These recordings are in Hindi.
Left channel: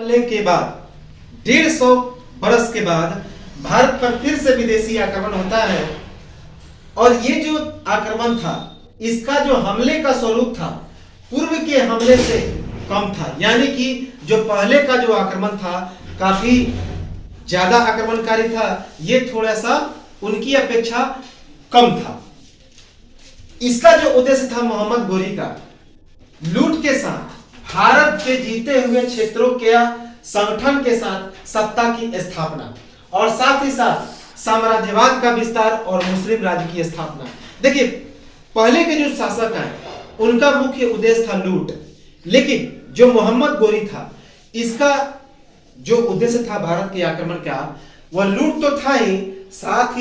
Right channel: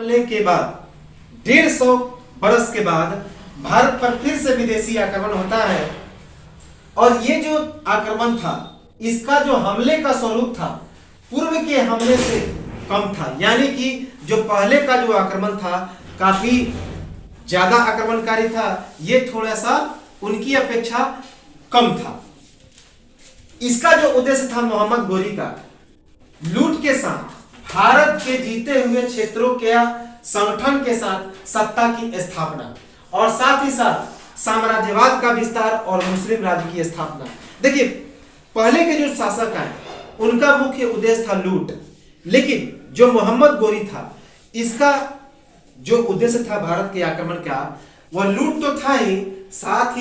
हमले के बाद 150 बरस के बाद भारत पर फिर से विदेशी आक्रमण होता है। और ये जो आक्रमण था, इसका जो हमले का स्वरूप था पूर्व के हमले से कम था। यानी कि जो पहले का जो आक्रमण था काफी ज्यादा आक्रमणकारी था, ये थोड़ा सा उनकी अपेक्षा कम था। इसका जो उद्देश्य था मोहम्मद गोरी का, लूट के साथ भारत के जीते हुए क्षेत्रों के संगठन के साथ सत्ता की स्थापना और साथ ही साथ साम्राज्यवाद का विस्तार और मुस्लिम राज्य की स्थापना। देखिए, पहले के जो शासक हैं उनका मुख्य उद्देश्य था लूट, लेकिन जो मोहम्मद गोरी था, इसका जो उद्देश्य था भारत के आक्रमण का, वह लूट तो था ही साथ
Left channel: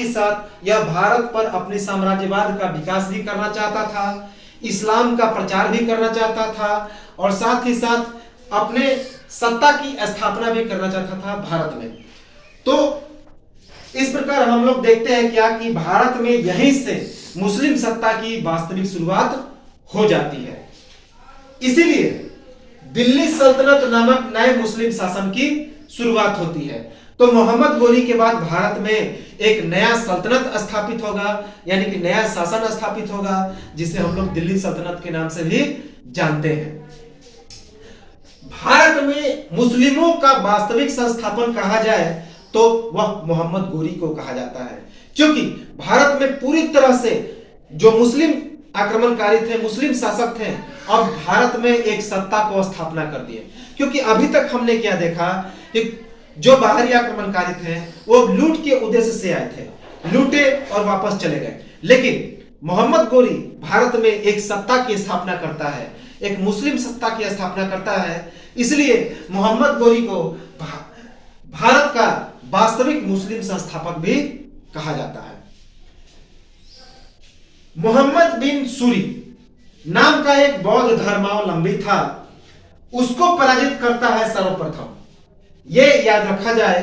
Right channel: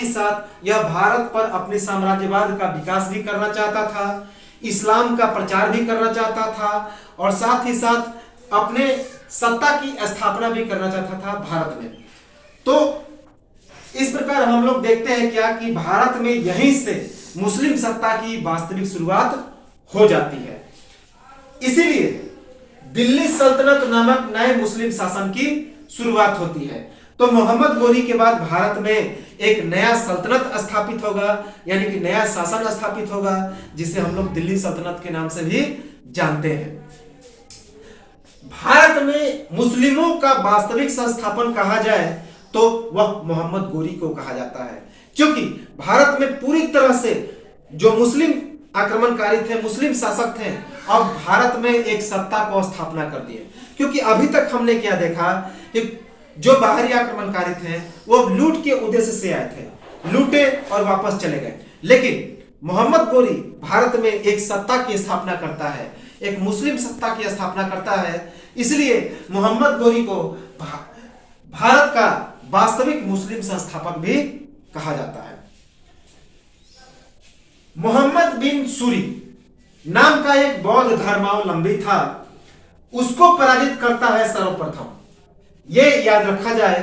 यह भारत पर अपने साम्राज्यवाद का विकास भी करना चाहता था, इस्लाम का प्रचार भी करना चाहता था और साथ ही साथ अपने सत्ता की स्थापना भी करना चाहता था भारत में। तो इस प्रकार हम लोग देखते हैं क्या कि भारत में यहीं से मुस्लिम सत्ता की वास्तविक शुरुआत हो जाती है। इसीलिए दिल्ली सल्तनत नामक नए मुस्लिम शासन की शुरुआत होती है। तो मोहम्मद गोरी के बाद भारत में एक नया सल्तनत स्थापित होगा, यानी कि नया शासन स्थापित होगा, जिसे हम लोग दिल्ली सल्तनत के नाम से भी जानते हैं। भारत में मुस्लिमों का वास्तविक संस्थापन कहा जाए तो वह मोहम्मद गोरी को कहा जाता है, क्योंकि भारत में पूरी तरह से जो मुस्लिम आक्रमणकारी थे, मुस्लिम शासक थे, अब भारत में एक सत्ता को स्थापना कर दिए। क्योंकि अभी तक हमने क्या देखा कि जो बाहरी आक्रमणकारी थे वो लूट के उद्देश्य से आए थे, लूटे और वापस चले गए। लेकिन मोहम्मद गोरी भारत में एक सत्ता की स्थापना करता है, एक मुस्लिम सत्ता की स्थापना करता है। इसलिए मोहम्मद गोरी को भारत का वास्तविक मुस्लिम संस्थापक भी कहा जाता है। मोहम्मद बिन सूरी नाम का एक बौद्ध धर्मावलंबी था, उसको पराजित करता है सर्वप्रथम। यह याद रखा जाए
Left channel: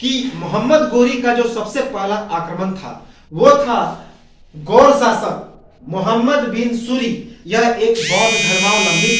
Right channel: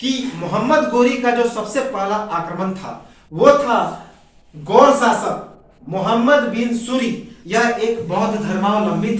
कि मोहम्मद गोरी का जो सबसे पहला आक्रमण था वो था गौर शासक मोहम्मद बिन सूरी। यह एक बौद्ध धर्मावलंबी